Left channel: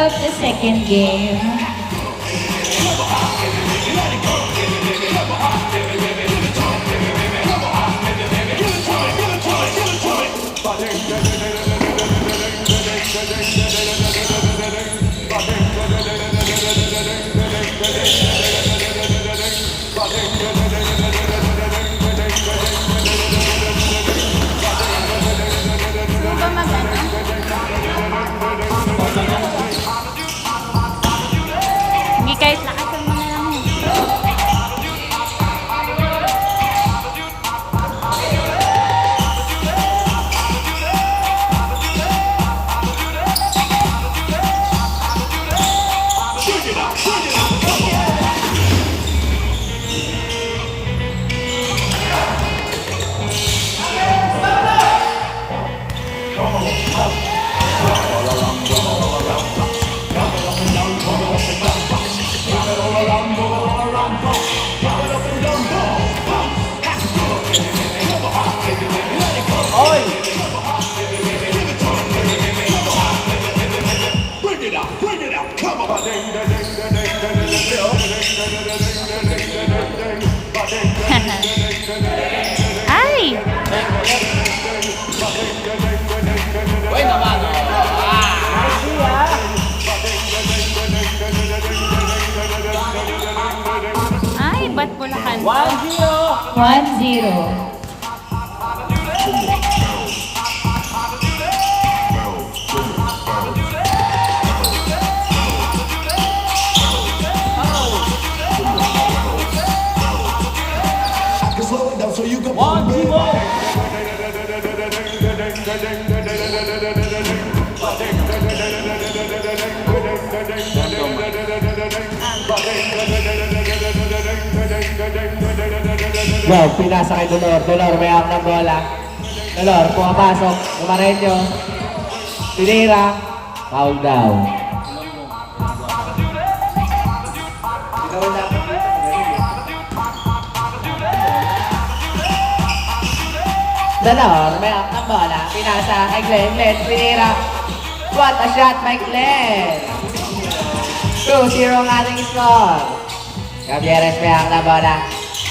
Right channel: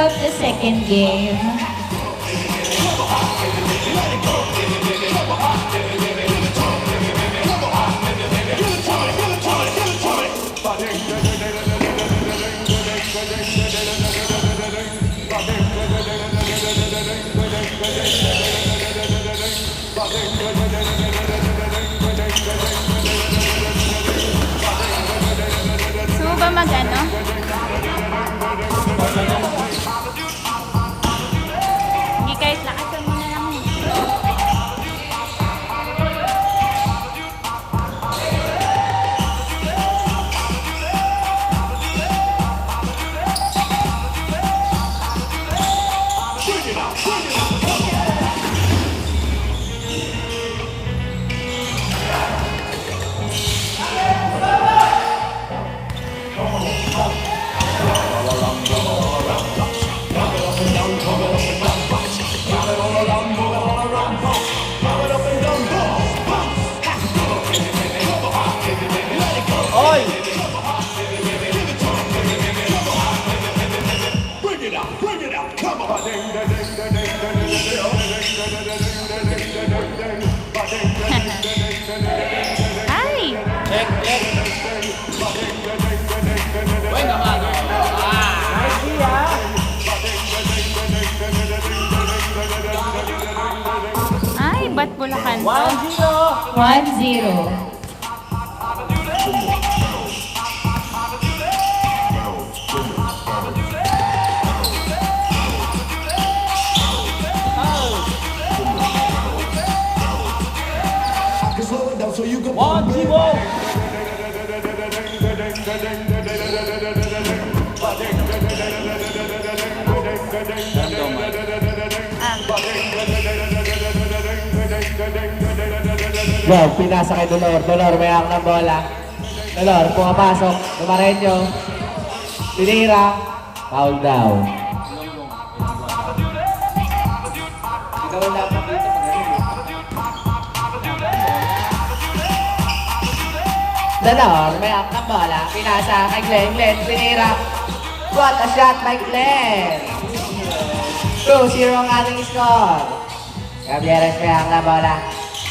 of the second game. Gusto mo ba mag-ano? Hindi, kahit lakasan mo na lang. Ay! Ay, ba't Bulacan to? 1-0. Wow, pinasa kay Dolor. Dolor, may hawak ng bola. Dolor, pumapasok. Lumarenyo. Tinira. Foul down. Dolor, may hawak ng bola. Pinasa kay Glenn. Glenn, tinira. What a shot by Glenn! 2-0 ang ating score. Gabieres, may hawak ng bola.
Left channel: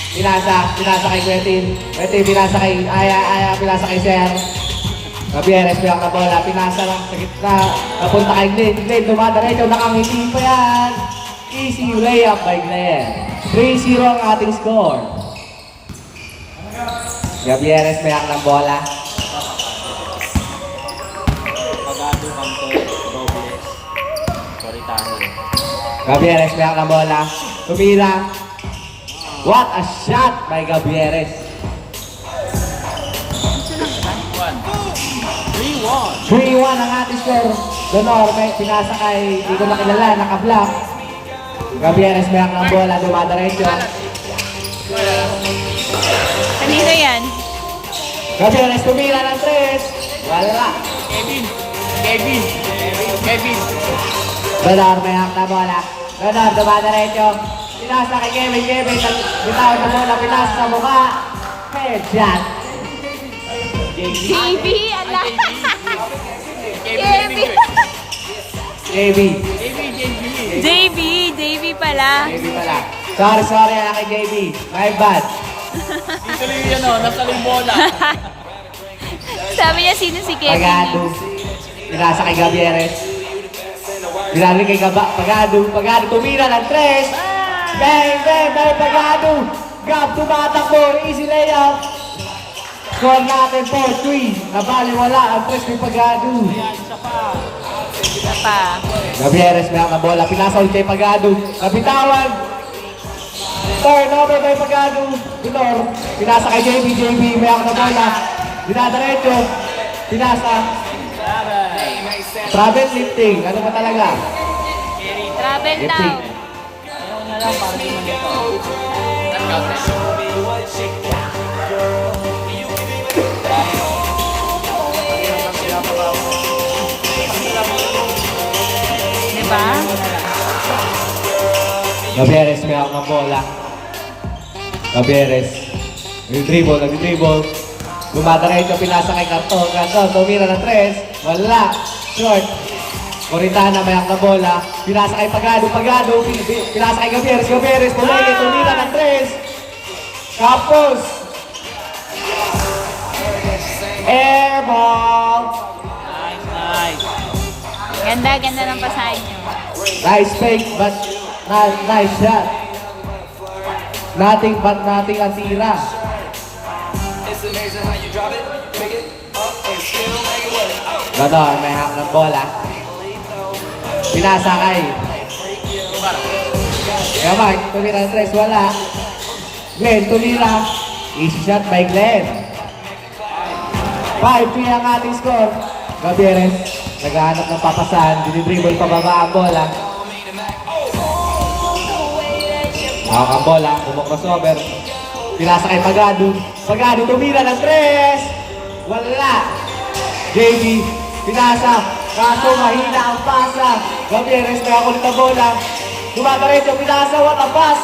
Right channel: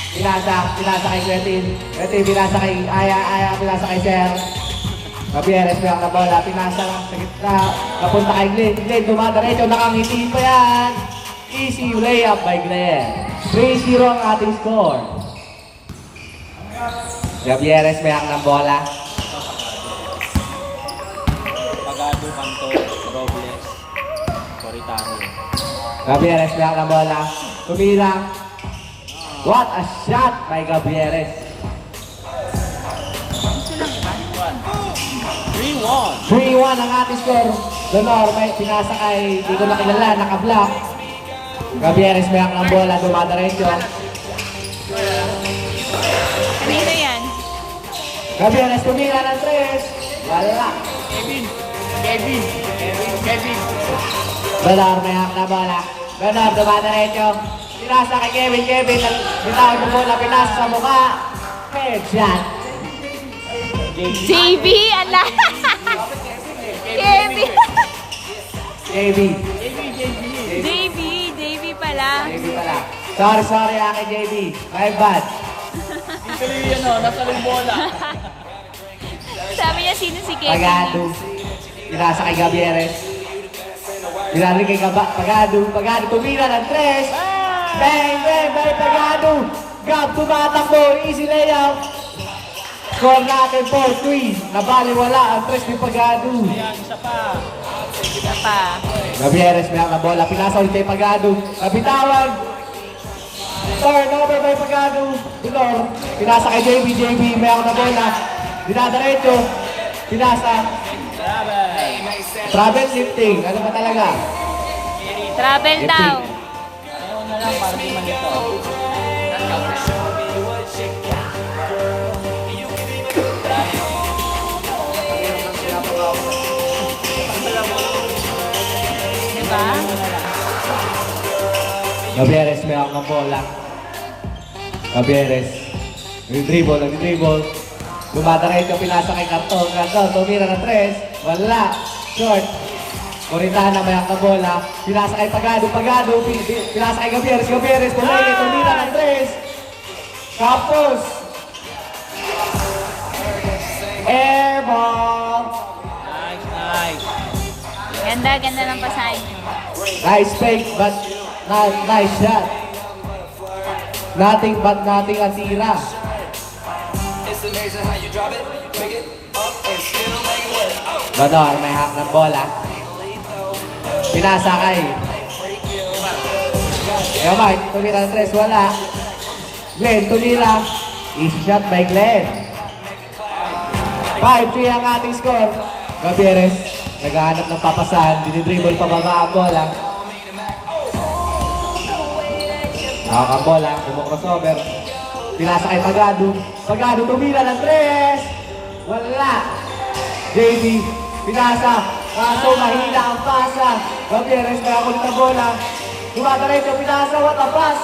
Pinasa kay Quentin. Quentin, pinasa kay Aya, pinasa kay Ser. Gabieres, may hawak ng bola. Pinasa lang sa gitna. Napunta kay Glenn. Glenn, dumadaretso. Nakangiti pa yan. Easy layup by Glenn. 3-0 ang ating score. Gabieres, may hawak ng bola. Pagado, Kanto, Robles, Coritano. Gabieres, may hawak ng bola. Tumira. What a shot by Gabieres. Gusto lang ba? 3-1 ang ating score. Donor, may pinasa kay, di ko nakilala, naka-block. Gabieres, may hawak ng bola, dumadaretso. Kanino yan? Gabieres, tumira ng 3. Wala. Kevin. Donor, may hawak ng bola. Donor, dumadaretso. Pinasa kay Kevin. Bitaw mo muna, pinasa sa mukha. Headshot. JB, ala! JB! JB pala. JB pala. Sorry kay JB. My bad. Dito lang yun, nasa lang bola. Sabi niya sino si Kevin. Pagado. Pinasa kay Gabieres. Pinasa kay Pagado. Tumira ng 3. Bang! May Pagado. Gab, tumatakbo. Easy layup. Score natin 4-3. Nabaliwala ang 3 ni Pagado. Isa pa. Gabieres na bola. Pinasa ulit kay Pagado. Nabitawan. Turnover kay Pagado. Pinor. Pinasa kay JB. May ako na bola. Dinadaretso. Pinasa. Travel lifting. Ano ba talaga? Travel Lifting. down. Diba? Gabieres may ako ng bola. Gabieres. Nag-dribble. Dumadaray ko, pinasa kay Carton. Carton, tumira ng 3. Wala. Short. Coritana, may ang bola. Pinasa kay Pagado, pinasa kay Gabieres, pumili, tumira ng 3. Tapos, airball. Nice. Ganda ng pasahin nyo. Nice fake, but nice shot. Nothing but nothing ang tira. Gador, may hack ng bola. Pinasa kay Mark, tumira ng 3, wala. Glenn, tumira. Easy shot by Glenn. 5-3 ang ating score. Gabieres, naghahanap ng papasan, dinidribble pababa ang bola. Hawak ang bola, crossover. Pinasa kay Pagado, tumira ng 3. Wala. JB, pinasa. Kaso mahina ang pasa. Gabieres, nakakulit ang bola. Dumadaretso, pinasa, what a pass.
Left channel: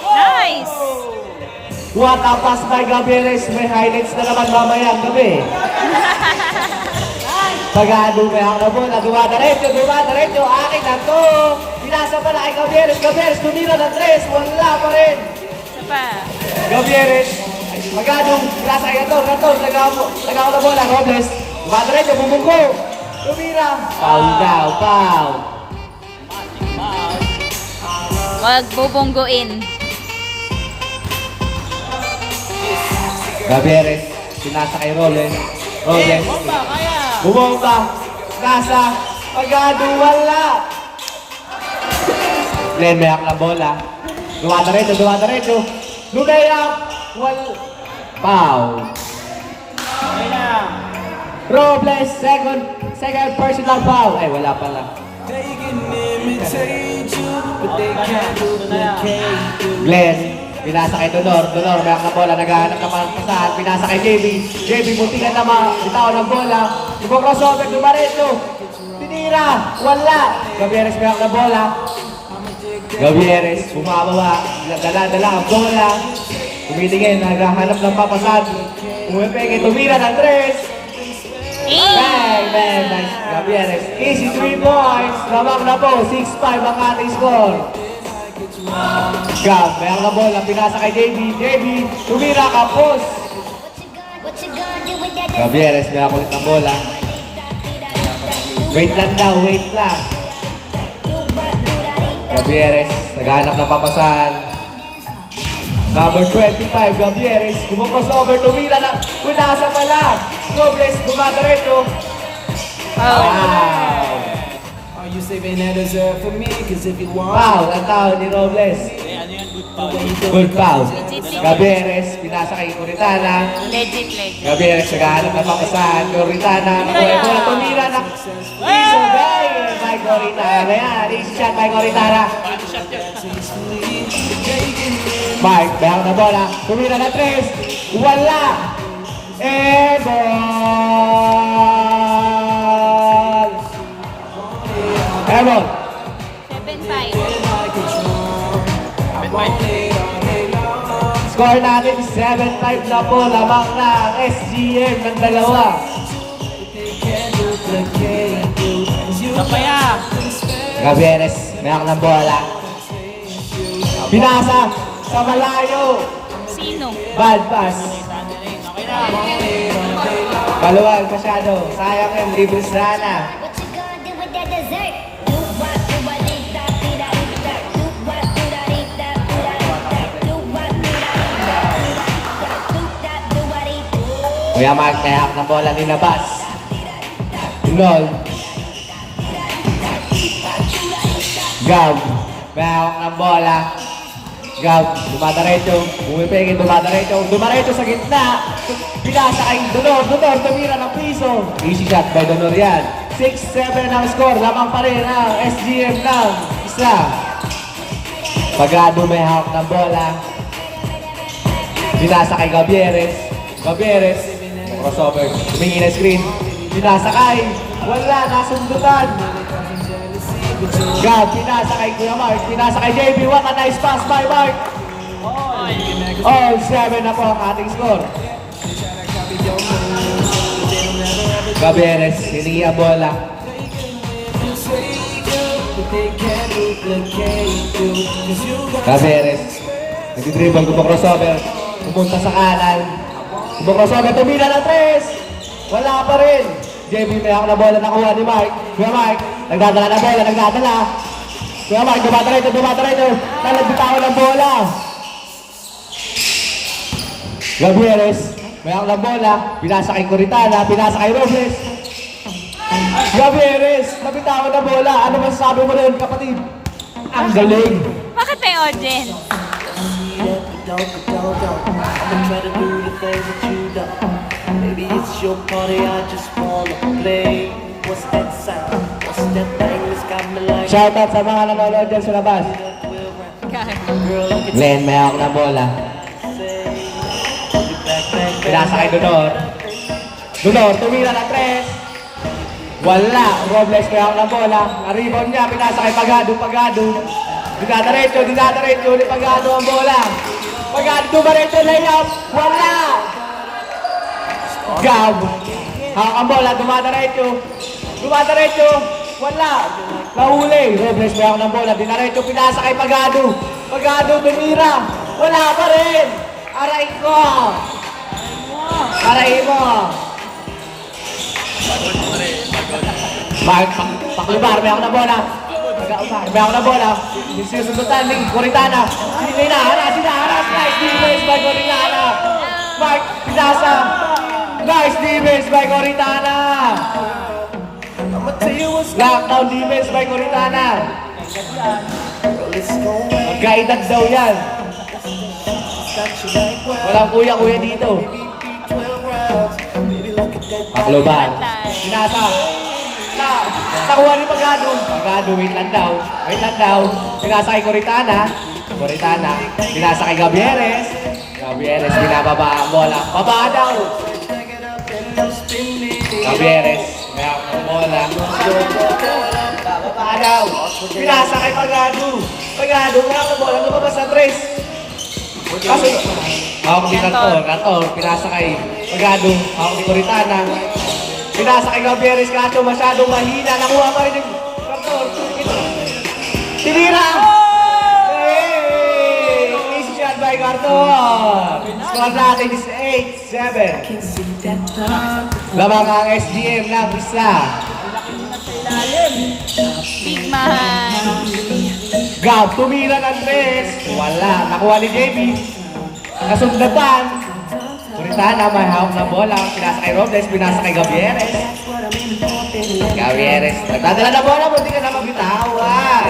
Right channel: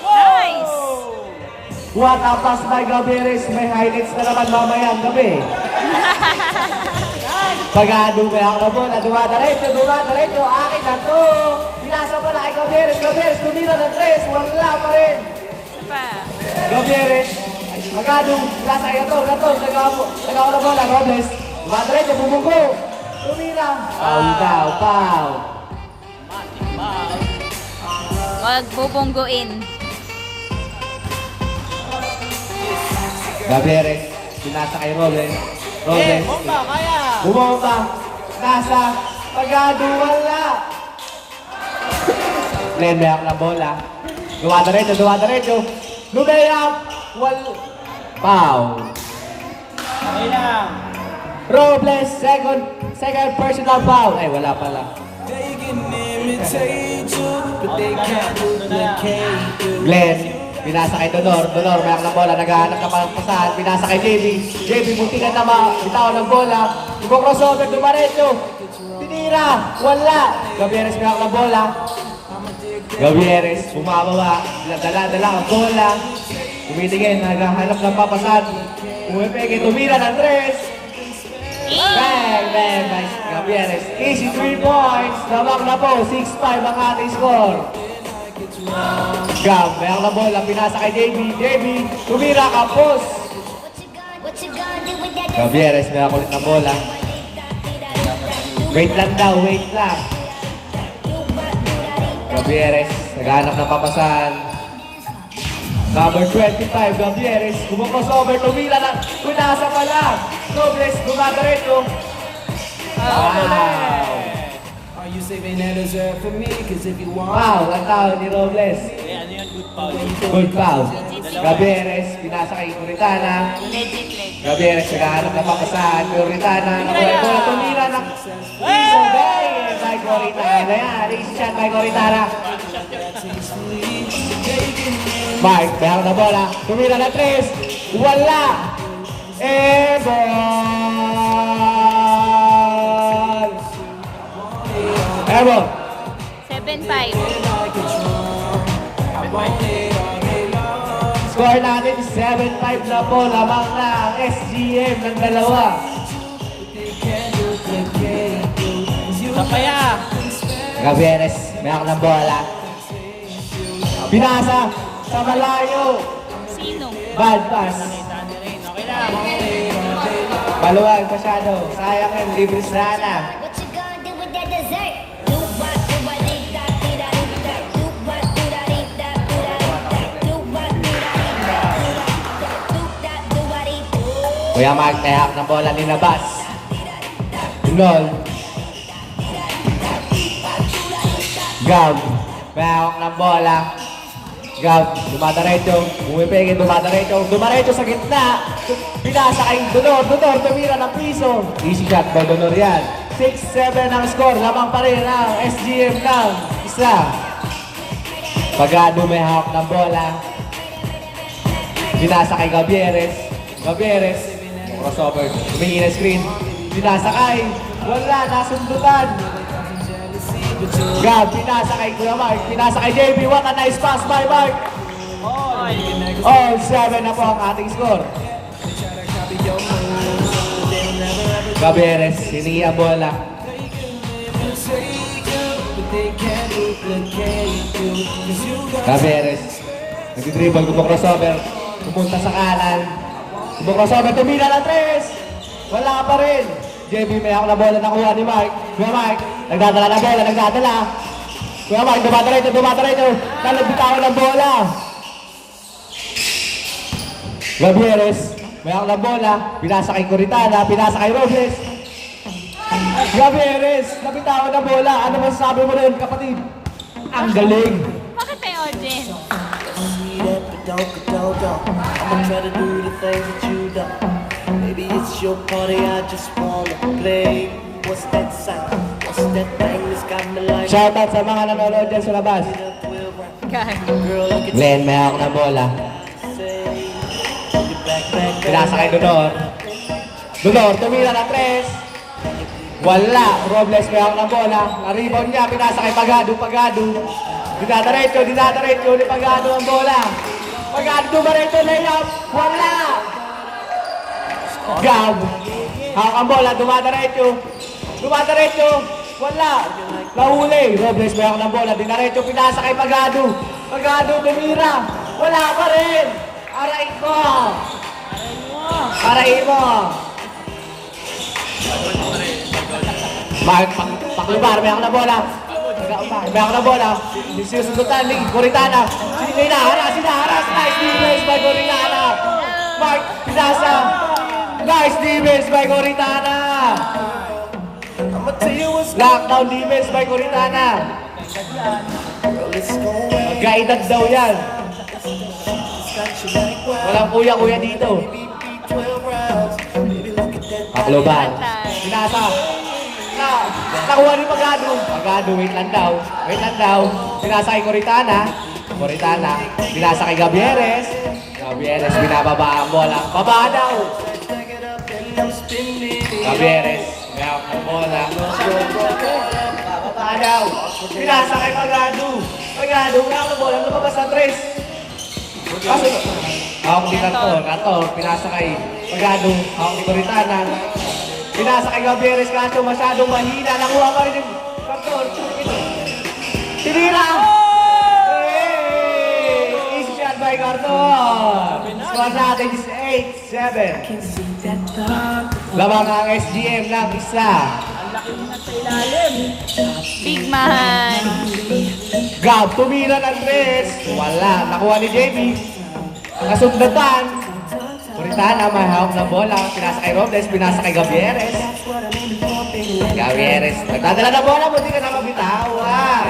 Nice! What a pass by Gabieres. May highlights na naman mamaya ang gabi. Pagado, may hawak na bola. Dumadaretso. Akin na to. Pinasa pala kay Gabieres, tumira ng 3. Wala pa rin. Isa pa. Gabieres, Pagado, pinasa kay Gator, nagawa na bola. Robles, dumadaretso, bumungko. Tumira. Foul. Wag bubonggoin. Gabieres, pinasa kay Robles. Bomba, kaya. Bumomba. Nasa. Pagado, wala. Glenn, may hawak na bola. Dumadaretso. Lumayap. Wala. Foul. Robles, second personal foul. Ay, wala pala. Glenn, pinasa kay Donor, may hawak na bola, naghahanap ng pasahan, pinasa kay JB, muntikan na bitaw ng bola, crossover, dumaretso, tinira, wala. Gabieres, may hawak na bola. Gabieres, bumabawa, dala ang bola, tumitingin, naghahanap ng papasahan, umipeke, tumira ng 3. Nice, Gabieres. Easy 3 points. Lamang na po, 6-5 ang ating score. Gab, meron na bola, pinasa kay JB, tumira ka, post. Gabieres, meron kulit ng bola. Wait lang. Gabieres, naghanap ng papasahan. Number 25, Gabieres, crossover, tumira na, pinasa pala. Robles, dumadaretso. You saving that dessert for me? Cause if you want, Foul, ang tao ni Robles. Ano yan? Good foul. Good foul. Gabieres, pinasa kay Coritana. Legit. Gabieres, naghahanap ng papasahan. Coritana, Kaya. bola tumira na. Isabel by Coritana. Yan, easy shot by Coritana. Mark, meron na bola. Tumira na 3. Wala. Evo. 7-5. Score natin 7-5 na po. Lamang na ang SGM ng dalawa. Sapaya. Gabieres, meron ng bola. Pinasa sa malayo. Sino? Bad pass. Maluwag masyado. Sayang yung libre sana. Kuya Mark, kaya na bola nilabas. Lol. Gab, kaya ng bola. Gab, dumadaretso. Dumaretso sa gitna. Pinasa kay Donor, tumira ng piso. Easy shot by Donor yan. 6-7 ang score. Lamang pa rin ang SGM ng isa. Pagado may hawak ng bola. Pinasa kay Gabieres, crossover, humingi na screen. Pinasa kay, wala, nasundutan. Gab, pinasa kay Kuya Mark, pinasa kay JB. What a nice pass by Mark. All 7 na po ang ating score. Gabieres, hiningi ang bola. take you, but they can't duplicate you. 'Cause you got Gabieres. Nag-dribble, crossover. Pupunta sa kanan. Crossover, tumila ng 3. Wala pa rin. JB, may ako na bola nakuha ni Mike. Kuya Mike, nagdadala na bola, nagdadala. Kuya Mike, dumata-rito. Nalagbitaw ng bola. Gabieres, may ako na bola. Pinasa kay Coritana, pinasa kay Robles. Gabieres, nabitaw na bola. Ano masasabi mo rin, kapatid? Ang galing. Bakit may audience? I'ma try to do the things that you done. Maybe it's your party, I just wanna play. What's that sound? What's that thing that's got me like? Shoutout sa mga nanonood dyan sa labas. Girl, look at Glenn, may ako na bola. say, you back, Pinasa kay Dolor. Dolor, tumira ng 3. Wala. Robles, may ako na bola. Naribon niya, pinasa kay Pagado. Dinadaretso ni Pagado ang bola. Pagado, dumaretso, layup. Wala. Gab. Ang bola, dumadaretso. Wala. Nahuli. Robles, may ako ng bola. Dinaretso, pinasa kay Pagado. Pagado, tumira. Wala pa rin. Arain ko. Bakit? Paklibar, may ako na bola. May ako na bola. Sinusundutan ni Coritana. Sinaharas. Nice defense by Coritana. Mark, pinasa. Nice defense by Coritana. Lockdown defense by Coritana. Mag-guided daw yan. Walang kuya dito. Pakluban. Pinasa. Nakuha ni Pagado. Wait lang daw. Pinasa kay Coritana. Pinasa kay Gabieres. Binababa ang bola. Baba daw. Gabieres. May ako ng bola. Baba daw. Pinasa kay Pagado. May ako ng bola. Lumabas ang 3. Kaso, ako ni Cantor. Pinasa kay Pagado. Ako ni Coritana. Pinasa kay Gabieres, kaso masyadong mahina. Nakuha pa rin yung Cantor. Tinira! Hey! Easy shot by Cantor. Score natin is 8-7. Labang ang SGM na isa. Big man. Gab, tumira ng 3. Wala. Nakuha ni JB. Kasundatan. Coritana, may hawak na bola. Pinasa kay Robles, pinasa kay Gabieres. Nagdadala na bola, buti ka na mabitawan.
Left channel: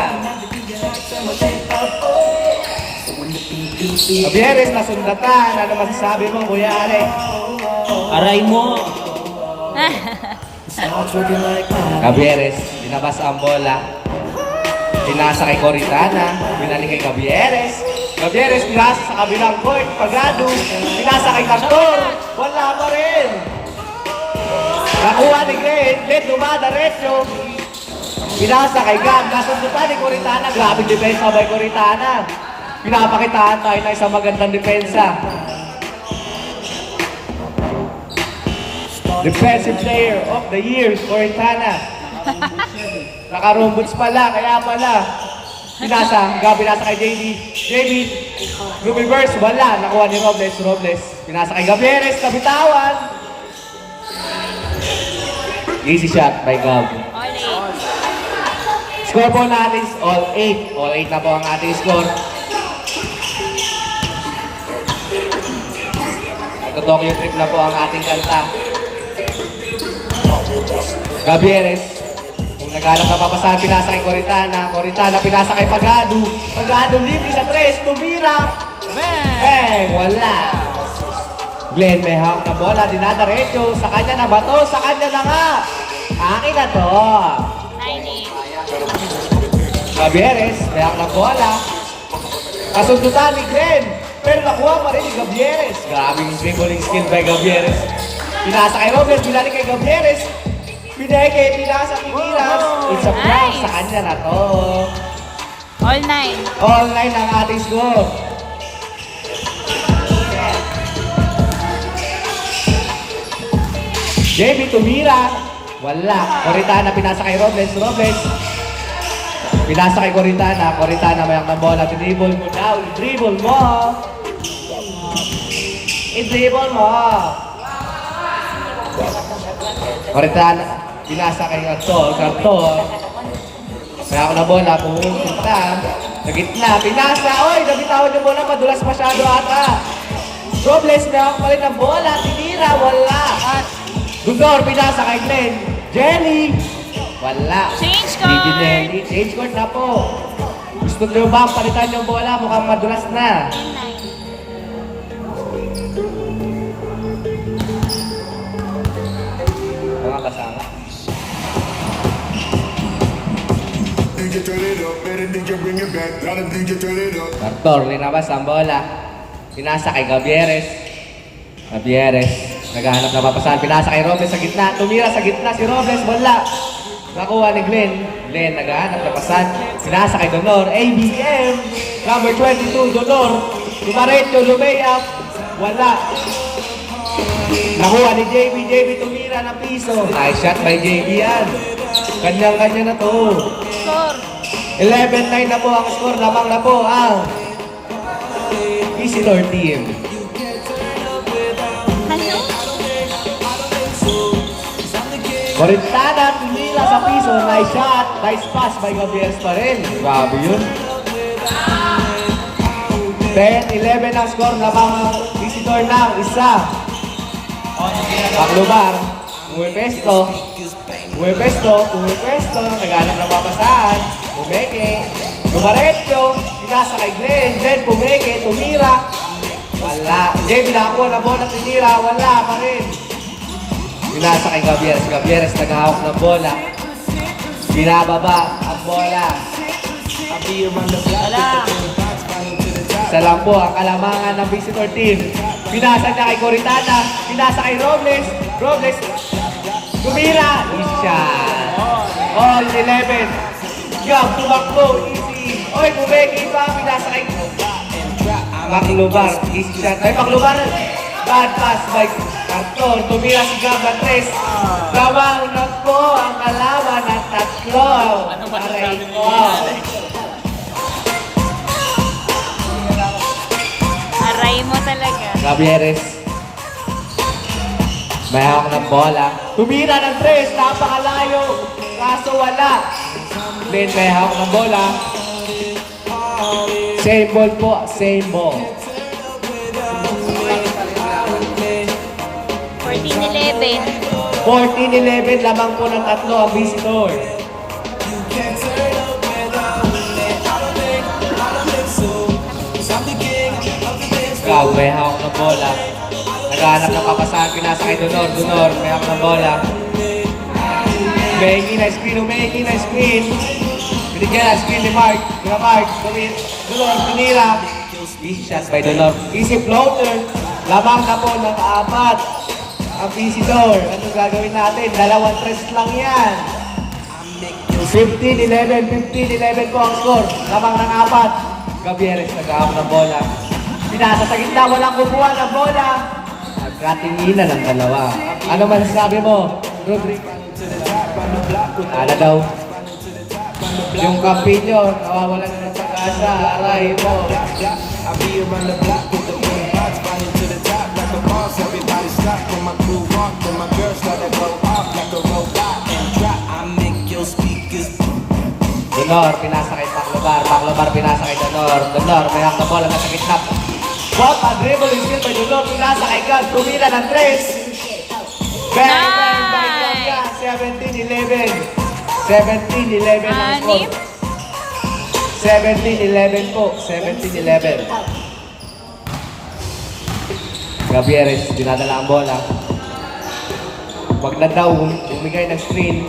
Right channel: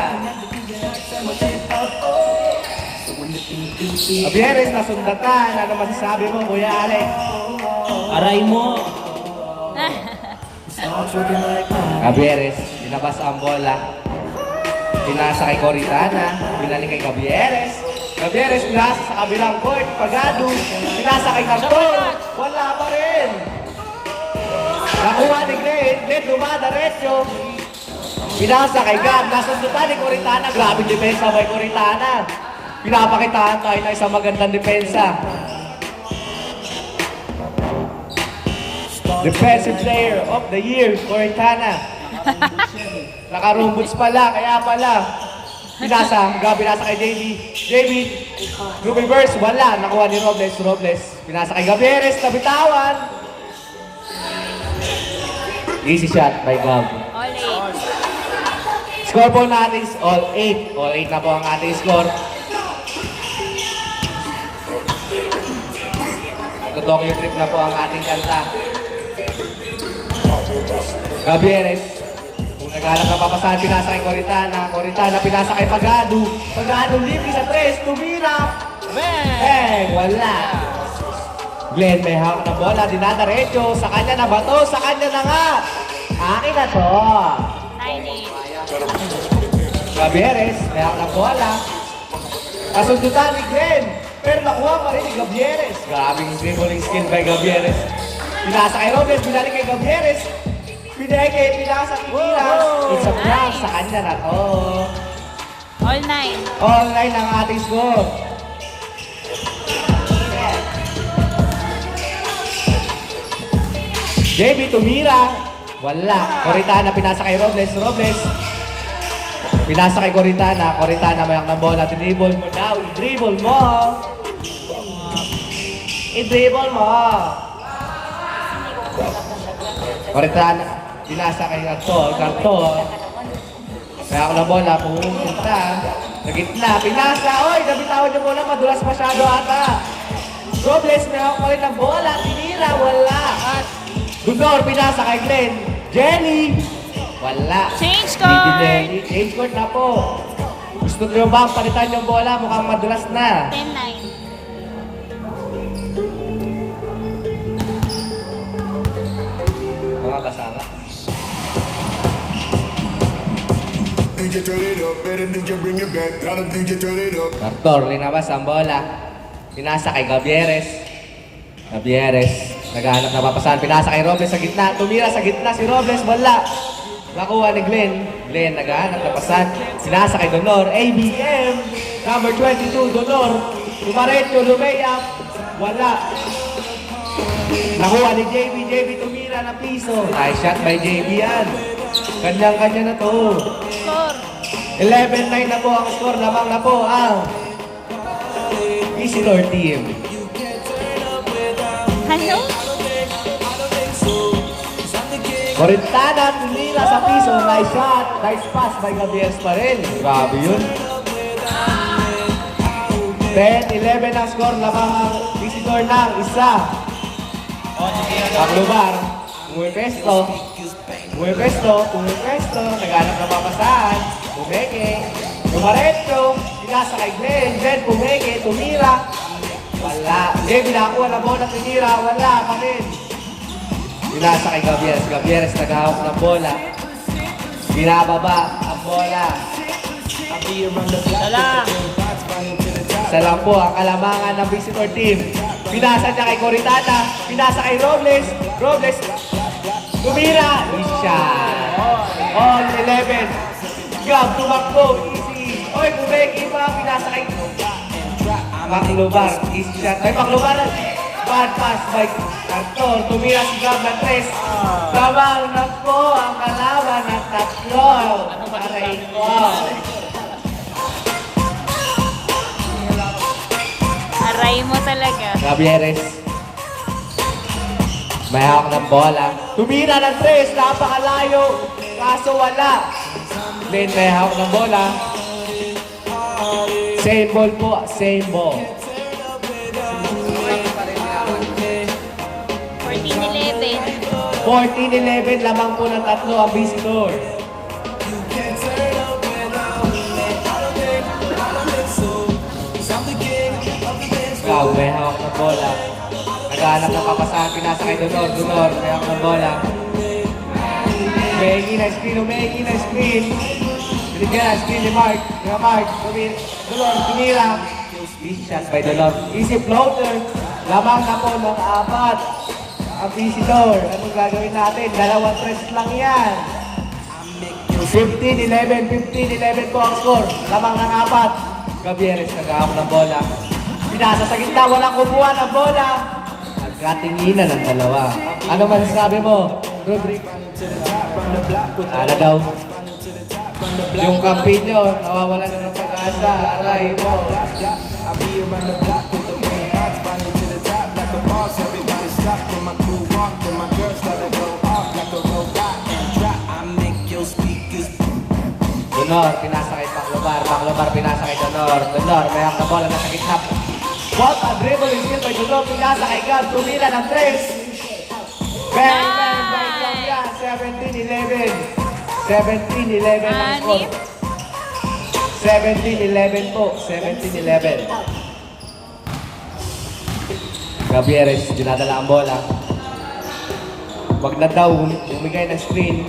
Gabieres, nasundatan. Ano masasabi mo, Kuya Alex? Aray mo. Gabieres, dinabas ang bola. Pinasa kay Coritana. Binalik kay Gabieres. Gabieres, pinasa sa kabilang court. Pagado. Pinasa kay Cantor. Wala pa rin. Nakuha ni Glenn. Glenn, dumadaretso. Pinasa kay Gab. Nasundutan ni Coritana. Grabe depensa by Coritana. Pinapakitaan tayo na isang magandang depensa. Defensive player of the year, Coritana. Naka-room boots pala, kaya pala. Pinasa kay JB, reverse, wala. Nakuha ni Robles. Pinasa kay Gabieres, kabitawan. Easy shot by Gab. All 8. Score po natin is all 8. All 8 na po ang ating score. Nagtotokyo trip na po ang ating kanta. Gabieres. Naghanap na papasahan, pinasa kay Coritana. Pinasa kay Pagado. Libre sa 3. Tumira. Wala. Glenn, may hawak na bola. Dinadaretso. Sa kanya na ba to? Sa kanya na nga. Akin na to. 9-8. Gabieres, may hawak na bola. Kasundutan ni Glenn. Pero nakuha pa rin ni Gabieres. Grabing dribbling skill by Gabieres. Pinasa kay Robles. Binalik kay Gabieres. Pinasa kay Pinas. It's a prank. Sa kanya na to. All 9. All 9 ang ating score. JB tumira. Wala. Coritana, pinasa kay Robles. Robles. Pinasa kay Coritana. Coritana, mayak ng bola. Dribble mo now. I-dribble mo. I-dribble mo. Coritana. Pinasa kay Garton. Garton. Mayak ng bola. Pumunta. Sa gitna. Pinasa. Oy, nabitawad yung bola. Madulas masyado ata. Robles, mayak pa rin ng bola. Tinira. Wala. Dudor, pinasa kay Glenn. Jenny. Wala. Change court. Hindi Jenny. Change court na po. Gusto nyo ba palitan yung bola? Mukhang madulas na. 10-9. Mga kasama. DJ turn it up, better DJ bring it back, gotta DJ turn it up. Doctor, linabas ang bola. Pinasa kay Gabieres. Gabieres. Naghahanap na papasahan. Pinasa kay Robles sa gitna. Tumira sa gitna si Robles. Wala. Nakuha ni Glenn. Glenn, naghahanap na papasahan. Pinasa kay Donor. ABM. Number 22, Donor. Tumaretto, lumay-up. Wala. Nakuha ni JB. JB tumira na piso. Nice shot by JB yan. Kanyang-kanya na to. Score. 11-9 na po ang score. Lamang na po ang visitor team. Ano? Coritana, tumira sa piso. Nice shot. Nice pass by Gabriels pa rin. Grabe yun. 10-11 ang score. Lamang ang visitor ng isa. Paglubar. Umuepesto. Umuepesto. Umuepesto. Naghanap na papasahan. Pumeke. Tumaretso. Pinasa kay Glenn. Glenn pumeke. Tumira. Wala. Glenn binakuha na bola. Tinira. Wala pa rin. Pinasa kay Gabieres. Gabieres naghahawak ng bola. Binababa ang bola. Isa lang po ang kalamangan ng visitor team. Pinasa niya kay Coritana. Pinasa kay Robles. Robles. Tumira. Isa. All 11. Grab to Baklo. Easy. Oy, kumeki pa. Pinasa kay Baklubar. Easy shot. Ay, Baklubar. Bad pass by Carton. Tumira si Gab ng 3. Gawang na po ang kalaban ng 3. Aray ko. Aray mo talaga. Gabieres. May hawak ng bola. Tumira ng 3. Napakalayo. Kaso wala. Then may hawak ng bola. Same ball po. Same ball. 14-11. 14-11. Lamang po ng 3 ang visitor. Wow, may hawak ng bola. Naghahanap ng papasahan. Pinasa kay Donor. Donor, may hawak ng bola. Umehingi na screen. Umehingi na screen. Binigyan ang screen ni Mark. Kaya Mark, Donor, pinira. Easy shots by Donor. Easy floater. Lamang na po ng 4 ang visitor. Anong gagawin natin? 2 tres lang yan. 15-11. 15-11 po ang score. Lamang ng 4. Gabieres naghahawak ng bola. Pinasa sa gitna, walang kukuha ng bola. Nagkatinginan ang dalawa. Ano masasabi mo, Rodrigo? Ala daw. Yung kampinyo, nawawalan na ng pag-asa. Aray mo. Donor, pinasa kay Baklobar. Baklobar, pinasa kay Donor. Donor, may hawak na bola nasa gitna. Bot, dribble yung skill by Donor. Pinasa kay Gab. Tumira ng 3. Bang, bang, bang lang yan. 17-11. 17-11 ang score. 17-11 po. 17-11. Gabieres, dinadala ang bola. Wag na daw, umigay ng screen.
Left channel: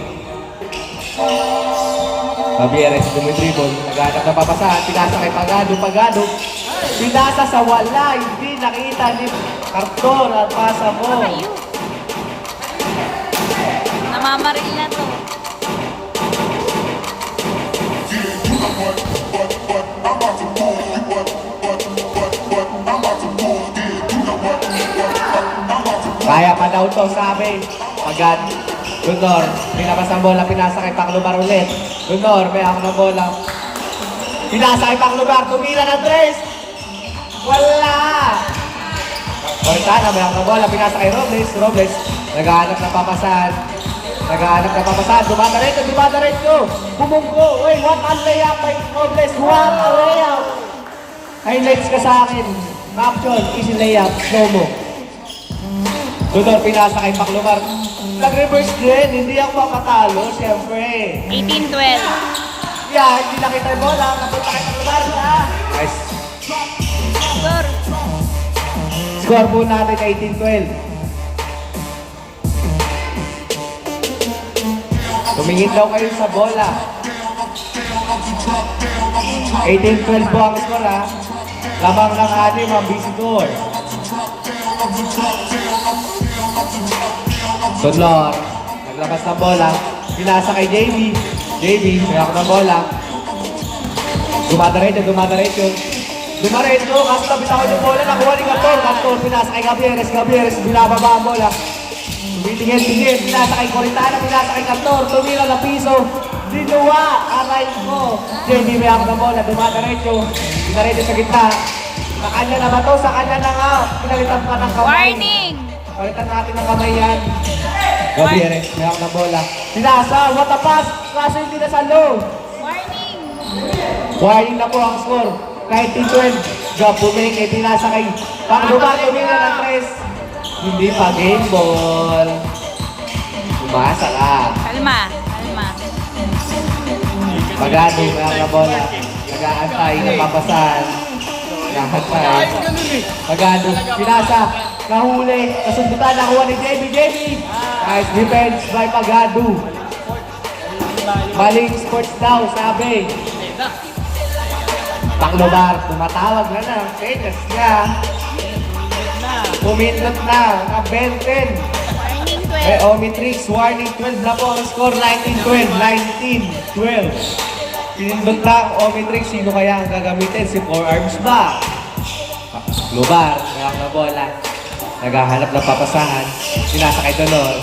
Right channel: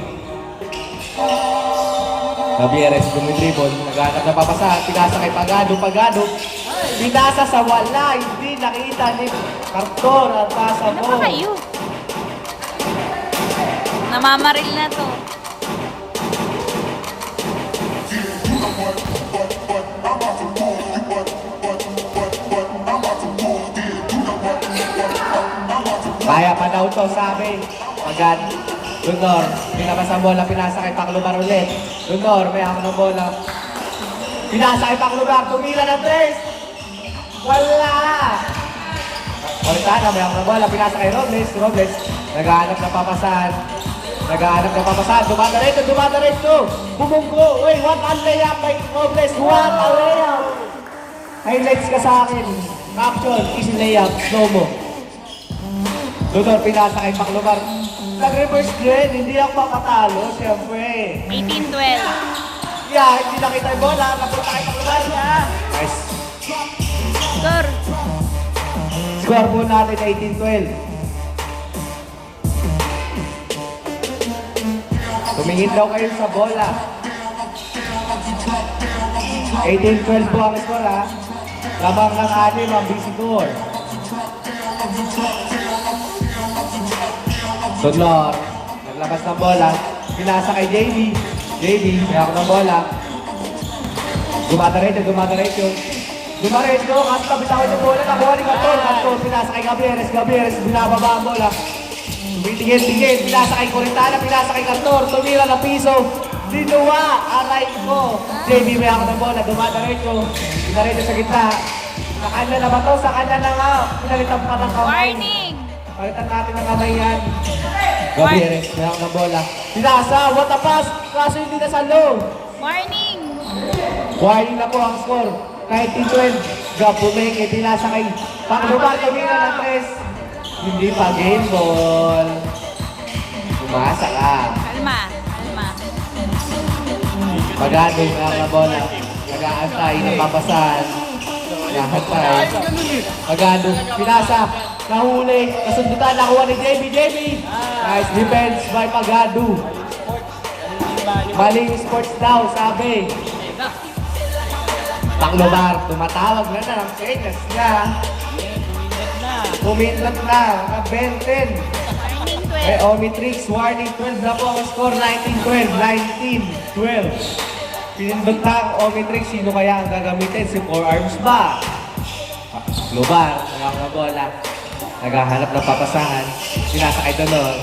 Gabieres, dumidribble. Naghanap na papasahan. Pinasa kay Pagado. Pagado. Pinasa sa wala. Hindi nakita ni Carton at pasa mo. Ano kayo? Namamaril na to. Kaya pa daw to, sabi. Pagado. Junior, pinabas ang bola, pinasa kay Paclubar ulit. Junior, may ako ng bola. Pinasa kay Paclubar, tumira ng 3. Wala! Cortana, may ako ng bola, pinasa kay Robles. Robles, naghahanap na papasan. Naghahanap na papasan. Dumadaretso. Bumunggo. Uy, what a layup by Robles. What a layup. Highlights ka sa akin. Caption, easy layup. Slow mo. Junior, pinasa kay Paclubar. Nag-reverse din, hindi ako mapatalo, siyempre. 18-12. Yeah, hindi nakita yung bola, napunta kay Paclubar. Nice. Score. Score po natin 18-12. Tumingin daw kayo sa bola. 18-12 po ang score ha. Lamang ng ating mga visitor. Sunlor, naglabas ng bola. Pinasa kay JB. JB, may ako ng bola. Dumadaretso. Dumaretso, kasi bitawan yung bola. Nakuha ni Cantor. Cantor, pinasa kay Gabieres. Gabieres, binababa ang bola. Tingin. Pinasa kay Coritana. Pinasa kay Cantor. Tumira na piso. Dinuwa. Aray ko. JB, may ako ng bola. Dumadaretso. Dinaretso sa gitna. Sa kanya na ba to? Sa kanya na nga. Pinalitan pa ng kamay. Warning. Palitan natin ng kamay yan. Gabieres, may ako ng bola. Pinasa, what a pass. Kaso hindi na sa low. Warning. Warning na po ang score. 19-12. Gapuming, pinasa kay Paclubar, tumira ng 3. Hindi pa game ball. Umasa ka. Kalma. Pagano yung mga bola. Nag-aantay, napapasan. Nag-aantay. Pagano, pinasa. Nahuli. Kasundutan, nakuha ni JB. Nice defense by Pagado. Maling sports daw, sabi. Paclubar, tumatawag na ng senyas niya. Pumindot na, naka-10. May Omitrix, warning 12 na po ang score, 19-12. 19-12. Pinindot na ang Omitrix, sino kaya ang gagamitin? Si Forearms ba? Paclubar, mayroon na bola. Naghahanap ng papasahan. Pinasa kay Dolor.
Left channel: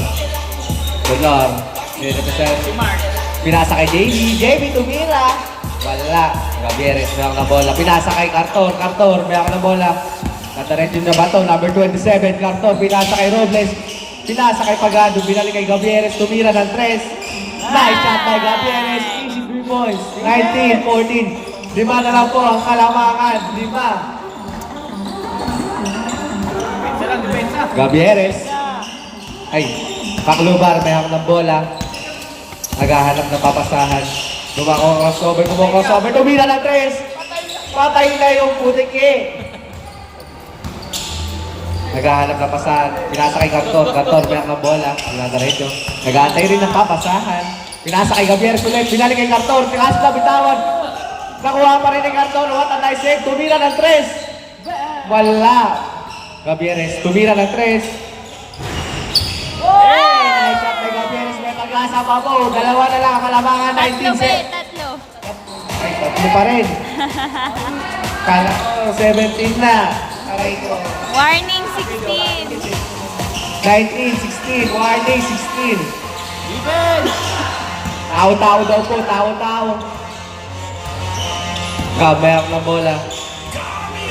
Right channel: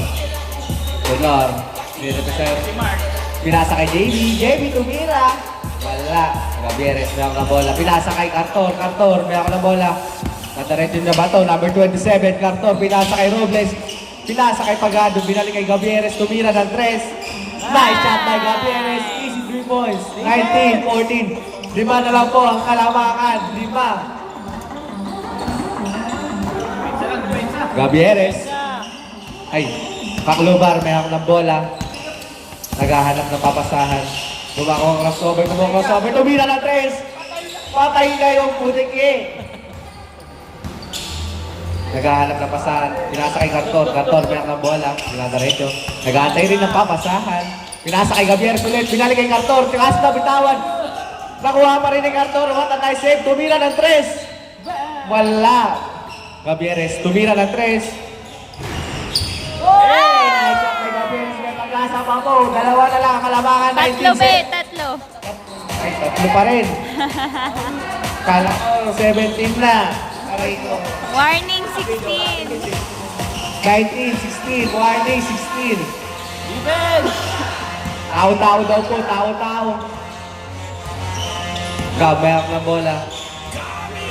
Pinasa kay JB, tumira. Wala. Gabieres, mayroon na bola. Pinasa kay Cartor, mayroon na bola. Nataretin na ba ito? Number 27, Cartor. Pinasa kay Robles. Pinasa kay Pagado. Binalik kay Gabieres. Tumira ng 3. Nice shot by Gabieres. Easy 3 points. 19-14. 5 na lang po ang kalamangan. 5. Gabieres. Ay, Paclubar, may hawak ng bola. Naghahanap ng papasahan. Crossover, tumira ng 3. Patay na yung putiki. Naghahanap ng papasahan. Pinasa kay Cantor, may hawak ng bola. Pinadaretso. Nag-aantay rin ng papasahan. Pinasa kay Gabieres ulit. Pinalik kay Cantor. Pinasa na bitawan. Nakuha pa rin ni Cantor. What a nice save. Tumira ng 3. Wala. Gabieres, tumira ng 3. Hey! Nice shot kay Gabieres. May taglasa pa po. 2 na lang ang kalamangan. 19 set. Tatlo. Ay, 3 pa rin. Kala ko, 17 na. Aray ko. Warning 16. 19, 16. Warning, 16. Tao-tao daw po. Tao-tao. Gabayang na bola.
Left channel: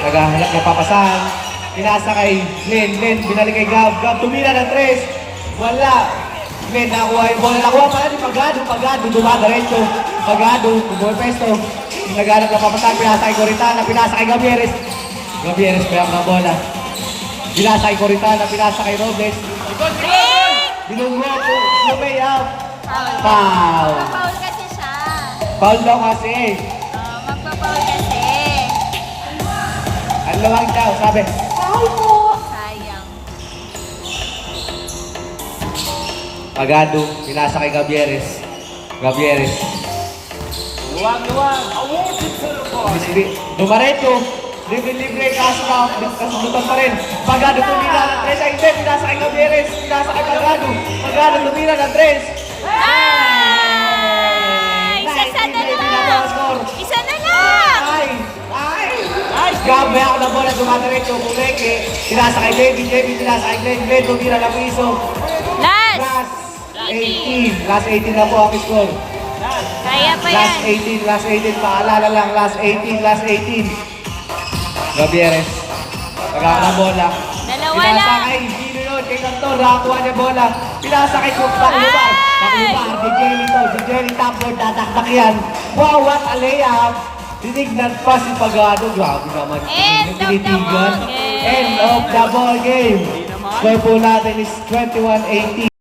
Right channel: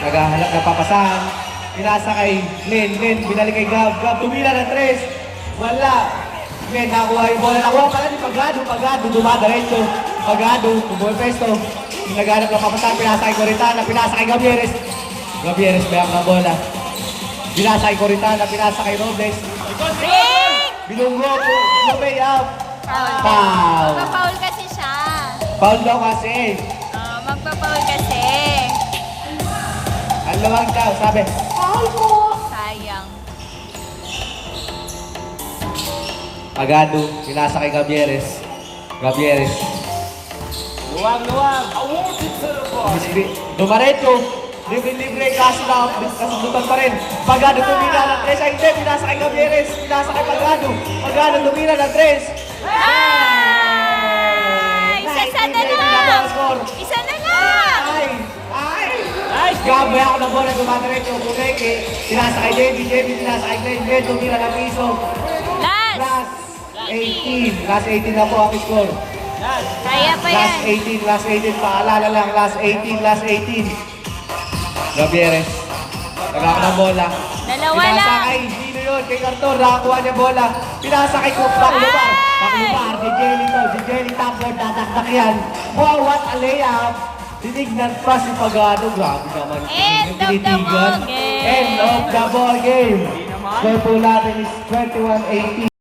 Naghahanap na papasahan. Pinasa kay Glenn, binalik kay Gab, tumira ng 3. Wala. Glenn, nakuha yung bola. Nakuha pala ni Pagado, dumadaretso. Pagado, bumol pesto. Naghanap na papasahan, pinasa kay Coritana, pinasa kay Gabieres. Gabieres, bayak ng bola. Pinasa kay Coritana, pinasa kay Robles. Binungot, lumay out. Foul. Magpa-foul kasi siya. Foul daw kasi. Magpa-foul kasi. Ang lawang daw, sabi. Sayang. Pagado, pinasa kay Gabieres. Dumaretso. Libre, kaso na, kasubutan pa rin. Pagado, tumira ng 3. Ay, hindi, pinasa kay Gabieres. Pinasa kay Pagado. Pagado, tumira ng 3. Isa na lang. Isa na lang. Ay! Gabi ako na bola, dumadaretso. Pureke. Pinasa kay JB, pinasa kay Glenn. Tumira ng piso. Last. Ras. 18. Last 18 na po ang score. Kaya pa Last yan. 18, last 18. Paalala lang, last 18, last 18. Gabieres. Nagkaka ng bola. Dalawa Pinasa lang. kay Gino yun, kay Cantor, nakakuha niya bola. Pinasa kay Cook, Taklubar. Taklubar, si Jelly to, si Jelly tapos tataktak yan. Wow, what a layup. Tinignan pa si Pagano. Grabe naman. End of the Tinitigan. ball game. End of the ball game. Score po natin is 21-18.